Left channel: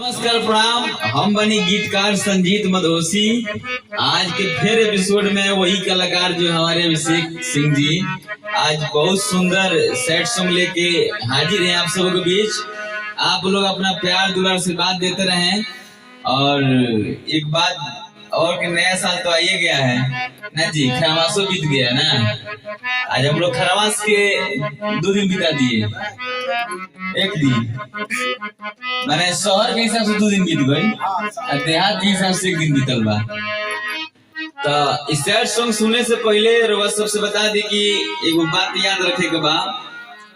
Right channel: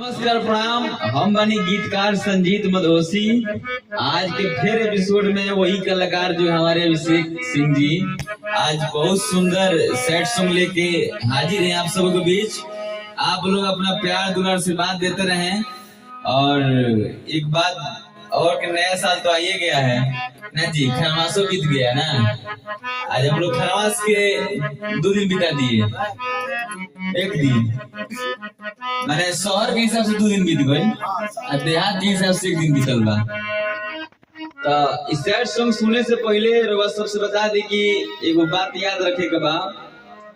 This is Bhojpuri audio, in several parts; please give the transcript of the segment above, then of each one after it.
नमस्कार प्रणाम। हम बनी गीतकार संजीत मधोसी। आज के फिर एपिसोड में वही कलाकार जो हमारे अभिषेक सिंह जी आज बहुत सुंदर सेट सॉन्ग लेके हाजिर हैं आप सबों के बीच। आप लोग अपना प्यार दुलार से बात देते रहें। और एक बात और कि नया साल तो आइए गया है ना जी, खरमासो बीत गया ना। आज हम लोग खरमास के 2 दिन बिता दिए, 1 दिन मैंने शहर के हिसाब से 2 दिन बीत गई, देहात के हिसाब से 1 दिन बीतल बा। तो इस सैड सॉन्ग सुनने से पहले रउआ सबसे बता दी कि एगो बात याद रखे के बा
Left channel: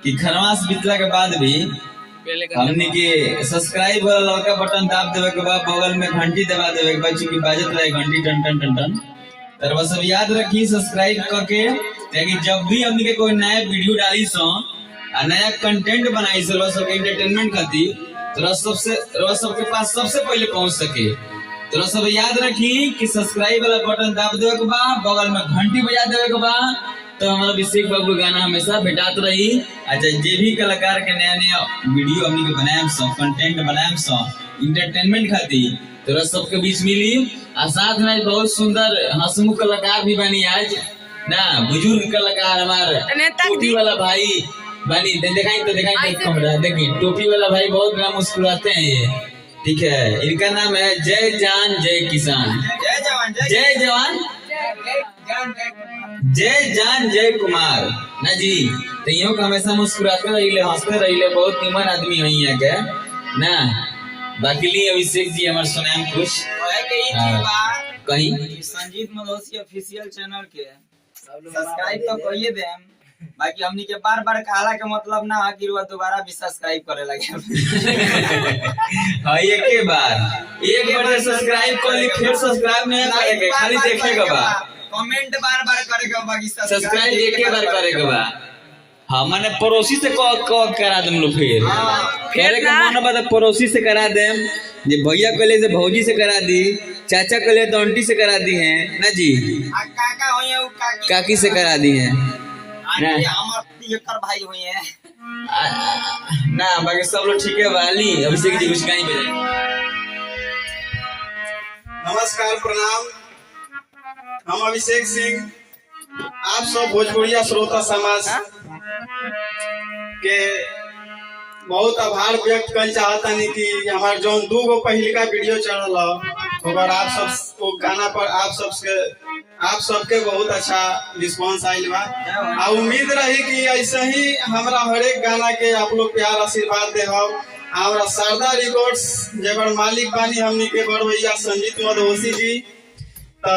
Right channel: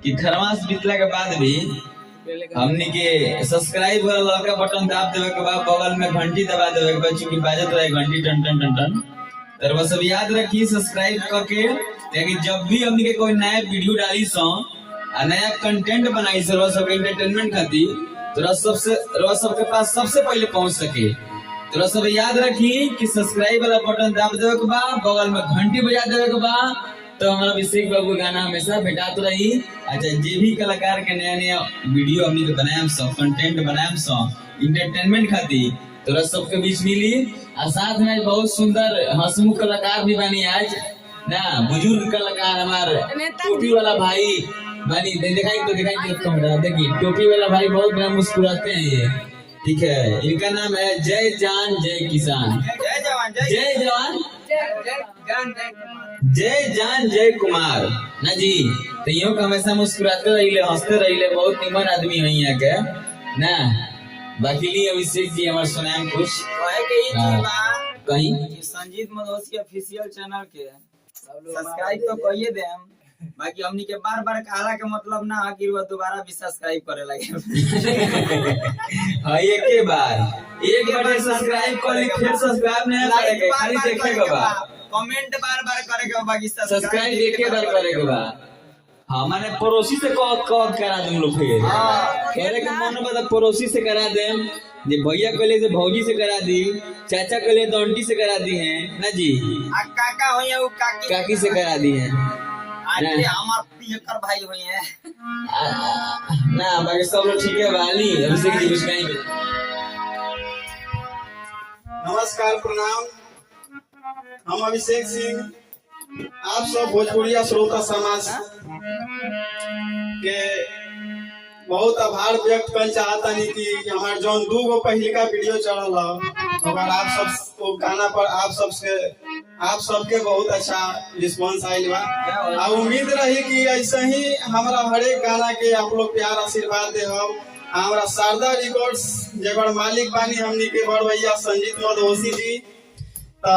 कि खरमास बीतला के बाद भी हमने के सब्सक्राइब वाला लड़का बटन दाब देवे के बाद बगल में घंटी दबा देवे के बाद, चूंकि बाजत रहे घंटी टन टन टन टन। तो बस सब याद रखी सब्सक्राइब करके, ताकि जब भी हमने के कोई नया वीडियो डाली सो नया कंटेंट बनाई सो सब एंटरटेनमेंट खातिर, तो सबके पास सबसे पहले पहुंच सके। तो सब याद रखी कि सब्सक्राइब वाला बटन दाब देवे के बाद बगल में घंटी बजा देवे के बाद, तो हमारा अभिषेक बाबू गाना हमेशा भेटात रही। अच्छा, जे भी कलाकार के नया नया वीडियो हमनी के बनाएम सो, कंटेंट बनाएम सो एंटरटेनमेंट खातिर, तो सबके बीच मिली। और साथ में बहुत सुंदर हंसमुख कलाकार भी बनी आज ना, बुजुर्ग कलाकार हमारे टोपी वाला भाई बनी। दिखाई तो देखिए, टोपी वाला भाई बहुत बड़ा मुस्कुराते हैं ये, ठीक है। इनका नाम है जय जान जय किसान, जय जवान जय जान जय कुमार ना जी। तो यो हमेशा मुस्कुराते रहिले, हंसते रहिले, बहुत निमन आदमी है यहाँ के ना। बाकी लिए अभिषेक जी हमारे सुनाम कुछ कहीं संजीत मधोसी ऑफिशियल चैनल के सब्सक्राइब तो करिए दे। बाकी हमनी के बार बार कहला के मतलब ना है कि दोबारा भी सब्सक्राइब करे लगे। हाँ, एक बार सब्सक्राइब कर ली, फिर सब्सक्राइब नहीं करेंगे, खाली देखेगा बा, कमेंट बार बार करेगा, बाकी सब्सक्राइब एक बार करेगा बा। हाँ, मैंने पड़ोसी से करा देम लोग, फिर मन बता पड़ोसी से करा देम, जे भैया कहले से भौजी से करा दी, चाचा कहले तो आंटी से करा दी है ना जी, काका होइए उ काकी से करा दी है हमार पियकर भाई हुए हैं ना। बाकी सब लोग ठीक है वाली। अभिषेक जी कुछ कहीं पे नमस्कार प्रणाम। हम अभिषेक सिंह आप सब भोजपुरिया श्रोता समाज के बहुत आभार व्यक्त कर चाहता नहीं कि हमारे जो 2 पहलिका वीडियो चढ़ल और आप सब वो गाना पर आप सबके बहुत अच्छा रिस्पांस आयल बा। आ उम्मीद रही कि ऐसे ही हमारा हर एक गाना के आप लोग प्यार आशीर्वाद दे। हमारा शारदा रिकॉर्ड्स जेकर मालिक बानी हमनी के बड़ भैया संजीत मधोसी जी, तो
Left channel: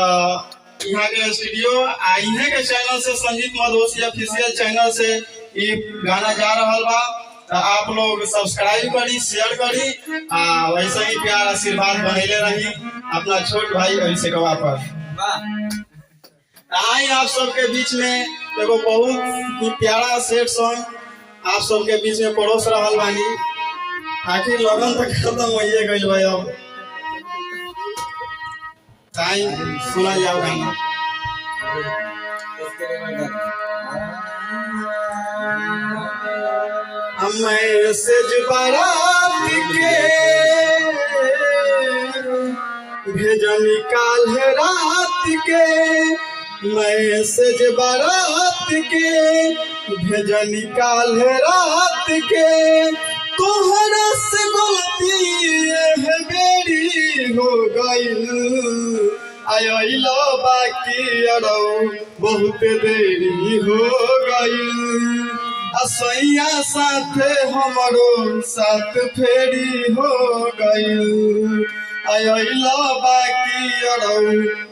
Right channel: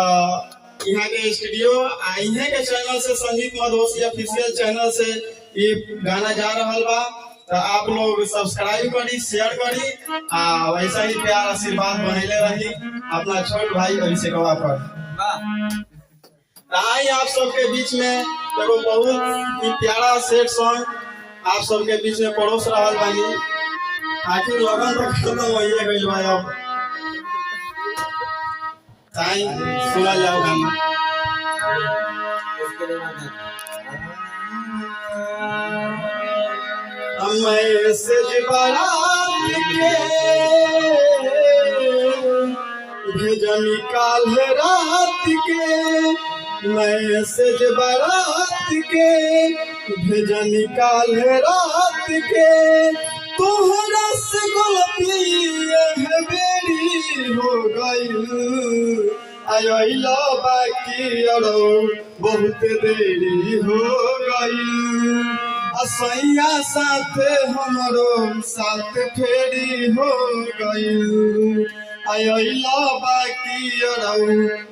यहाँ के स्टूडियो यहाँ के चैनल से संजीत मधोसी ऑफिशियल चैनल से ये गाना जा रहा बा। तो आप लोग सब्सक्राइब करी, शेयर करी, वैसे ही प्यार आशीर्वाद बनैले रही अपना छोट भाई अभिषेक पर। आई आप सबके बीच में एगो बहुत ही प्यारा सेट सॉन्ग आप सबके बीच में परोस रहा बानी। आखिर लगन तक खत्म होइए गइल बा, अब ताई सुना जाओ गाना। मैसेज बारात के भेजनी काल रात के, मैसेज बारात के भेजनी काल रात के, तोहरा से गलती है बेरी हो गई, आइलो बाकी अड़ो बहुत देरी हो गई, असैया साथे हमारो साथ फेरी हो गई, आइलो बाकी अड़ो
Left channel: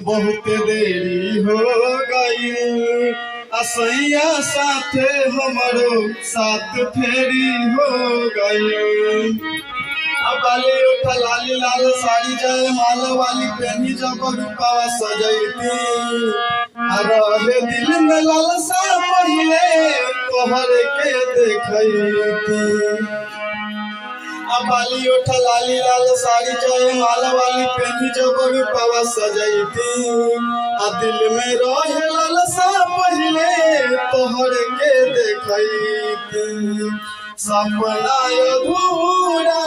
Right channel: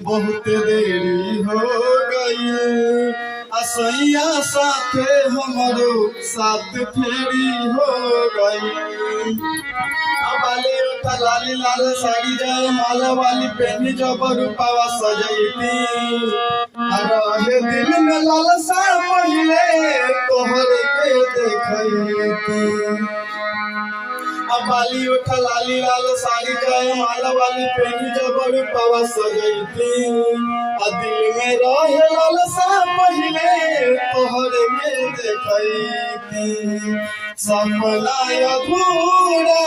बहुत देरी हो गई, असैया साथे हमारो साथ फेरी हो गई। बाली उठा लाली लाल साड़ी जाए माला वाली पहनी जब रूपावा सजैती, रहे दिल में लालसा पहिले तोहर के देखैती। बाली उठा लाली लाल साड़ी जाए माला वाली पहनी जब रूपावा सजैती, दिल में रहे लालसा पहिले तोहर के देखैती। सपना अधूरा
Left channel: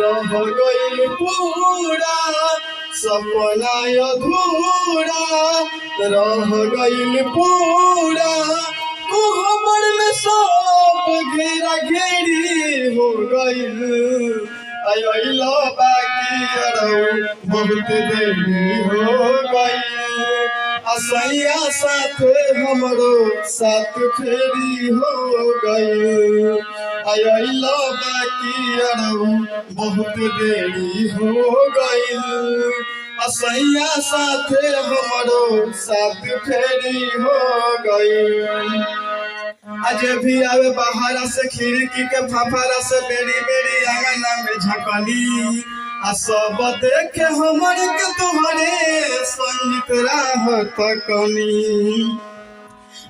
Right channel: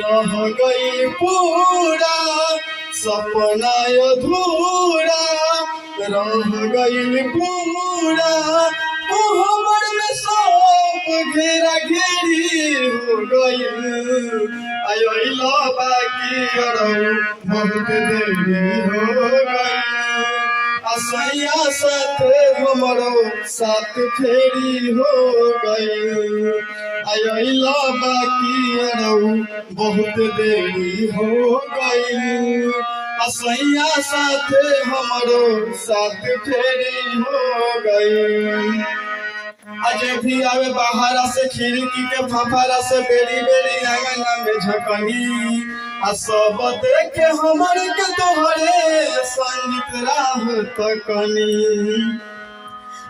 रह गइल पूरा सपना अधूरा रह गइल पूरा कोहबर में सब घेरा घेरी हो गइल आइला बाकी बहुत देरी हो गइल असैया साथे हमरो साथ फेरी हो गइल आइला बाकी बहुत देरी हो गइल असैया साथे हमरो साथ फेरी हो गइल आज भी आवे बाहरा से खिड़की के फफारा से बेरी बेरी आंगना में झकनी आ सब देखे हमरे के तोहरे संगीत राह तकनी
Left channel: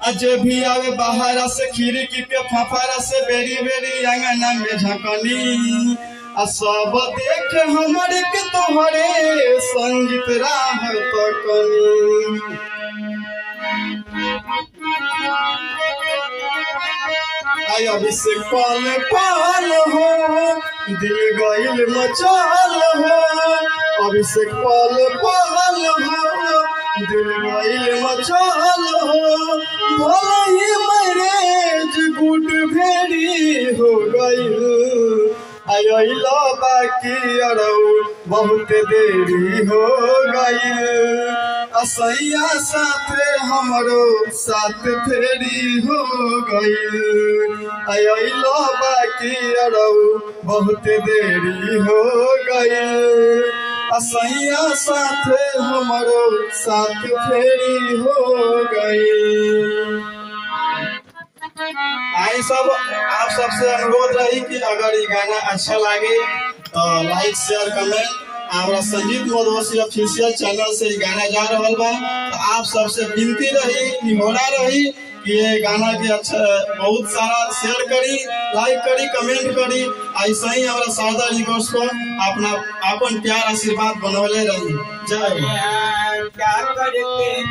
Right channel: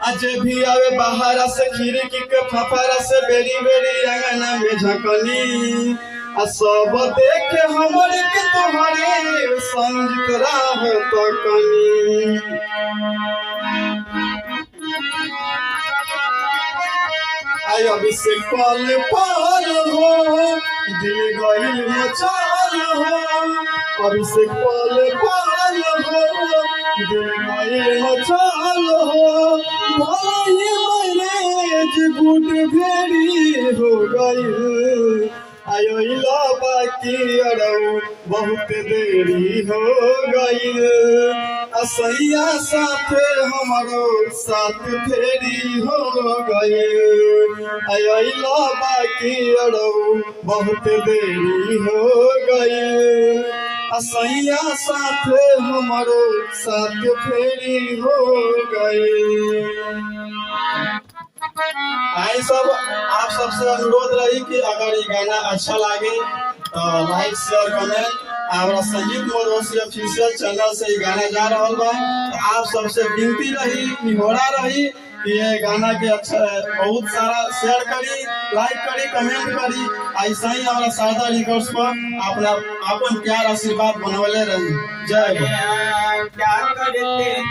आज भी आवे बाहरा से खिड़की के फफारा से बेरी बेरी आंगना में झकनी आ सब देखे हमरे के तोहरे संगीत राह तकनी आई अभिषेक पल पल हो दिल गइल मचाल हो अभिषेक पल पल हो दिल गइल मचाल हो भला ही मैरेज गुड भेड़ी हो गइल आइला बाकी बहुत देरी हो गइल असैया साथे हमरो साथ फेरी हो गइल आइला बाकी बहुत देरी हो गइल असैया साथे हमरो साथ फेरी हो गइल आई सब आप सबसे अनुरोध रही कि अगर ये गाना अच्छा लगे तो लाइक शेयर कमेंट हमारा संजीत मधोसी ऑफिशियल चैनल से ये गाना जा रहा बा तो आप सबसे विनती रही निहोरा रही कि ये गाना के अच्छा बहुत सारा शेयर करी लाइक करी कमेंट करी ऐसा ही हमारा शारदा रिकॉर्ड्स को अपना अपन प्यार आशीर्वाद बनवले रही जय क्या करते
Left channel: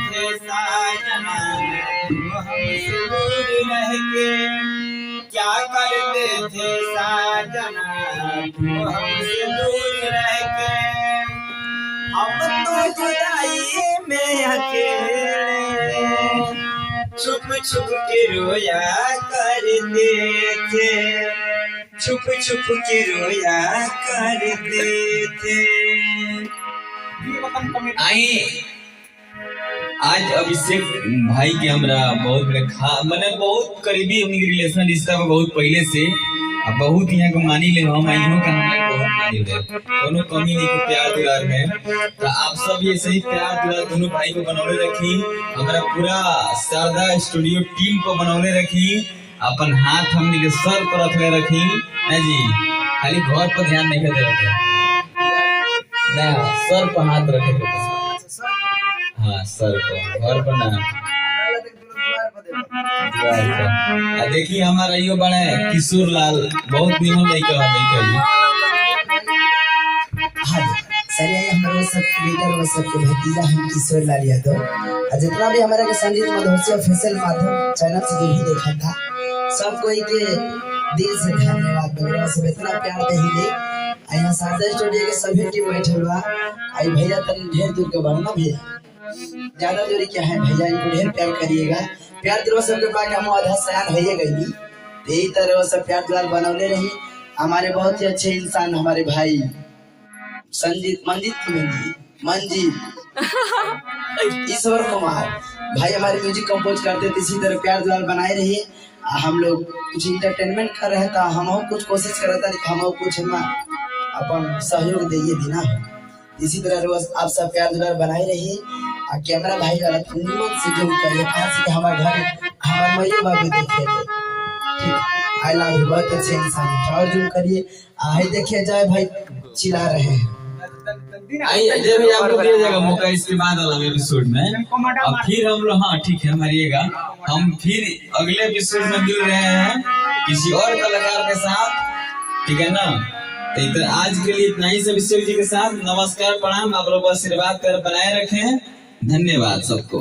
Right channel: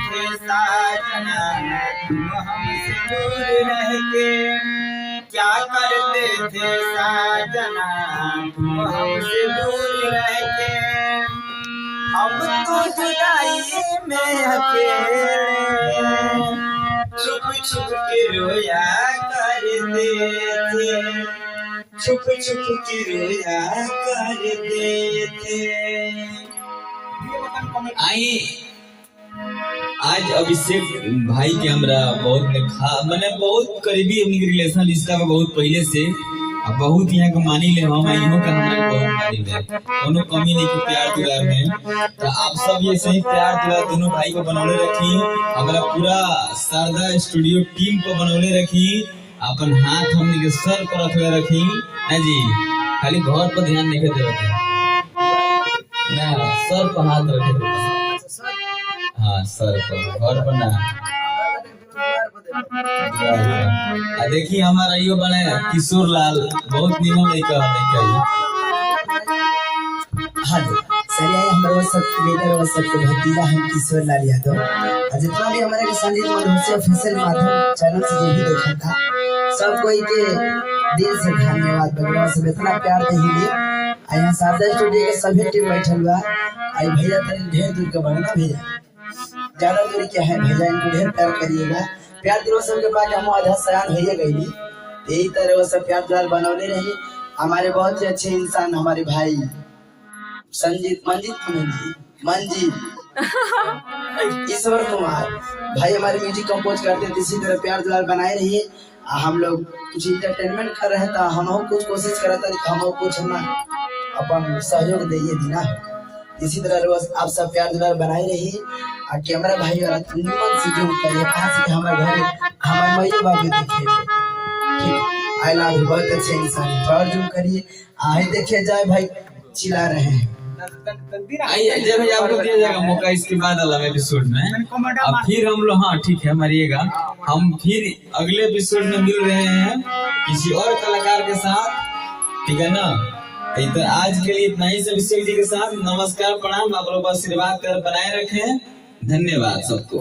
थे साजना हमसे दूर रह के क्या करते थे साजना हमसे दूर रह के हम तो जुदाई में अकेले छुप छुप के रोया करते थे छुप छुप के रोया करते थे। आई आज अभिषेक भाई के हमरा बहुत मैंने बहुत करीबी हमनी के रिलेशन रिश्ता में बहुत पहले से बहुत यहाँ को मानी ले हम इन्हों का हमने बहुत मानी ले दोनों कमी नहीं के प्यार दुलार में तो आप सब ये सही प्यार दुलार दोनों भाई को बनौले रखी हमारा पूरा शारदा स्टूडियो टीम को बनौले रखी अपन हाथ हमनी के सर पर रखले रखी है जी खाली घर पर ध्यान नहीं दे रखे ना सर पर हाथ रखे हाँ सर पर घर पर ना देखिए हमारा यो बड़े किशोर लाल बहुत निमन नहीं कहा हाँ सर यही हमारे सब लीडर और सबके भतीजा हम किशोर लाल यादव जितना भी हमारे के संजीत मधोसी ऑफिशियल माध्यम चैनल से जो भी देखा था सब कोई के दिल से धन्यवाद वगैरह सब इतना प्यार दे ही यहाँ शारदा स्टूडियो के सभी टीम बैठल बा आई भैया तनी ढेर दूर के बढ़ना भैया ज्यादा दूरी क्या है भैया इनको ढेर प्यार करिएगा प्यार दिलो सबके पास हम आधा सयान है गई यही तरह वो सब प्यार दुलार बनौले रही हमारे बहुत ही अच्छे इंसान हमारे भाई मंजीत ईश्वर कुमार भाई हमारे म्यूजिक कंपोज करते थे इसी तरह प्यार दुलार बनाए रहिए हम लोग कुछ इंटरटेनमेंट कर रहे था हम कुछ कोशिश कर रहे था हम कुछ हम अपन सहयोग दिए दीना इसी तरह रोज आप सब प्यार दुलार बनाए रहिए कैमरा भाई वाला निमन से जूम करिए खास के हमारे घर हमारे मैया बाबू देखे ठीक आई लव यू बहुत अच्छे इंसान और जूम करिए आई देखिए जाए भाई चिल्ला रहे हैं आइए जब भी आपको दिया जाएगा मौका इसके बाद वाला एपिसोड में अब फिर हम लोग हाँ ठीक है मारिएगा हम फिर अगले एपिसोड में मिल रहे हैं किसी और कलाकार के साथ ठीक है ना तो आज के लिए इतना ही से अभिषेक जी के साथ नमस्कार प्रणाम आप लोग आशीर्वाद कर बनाए रखें धन्यवाद सबको।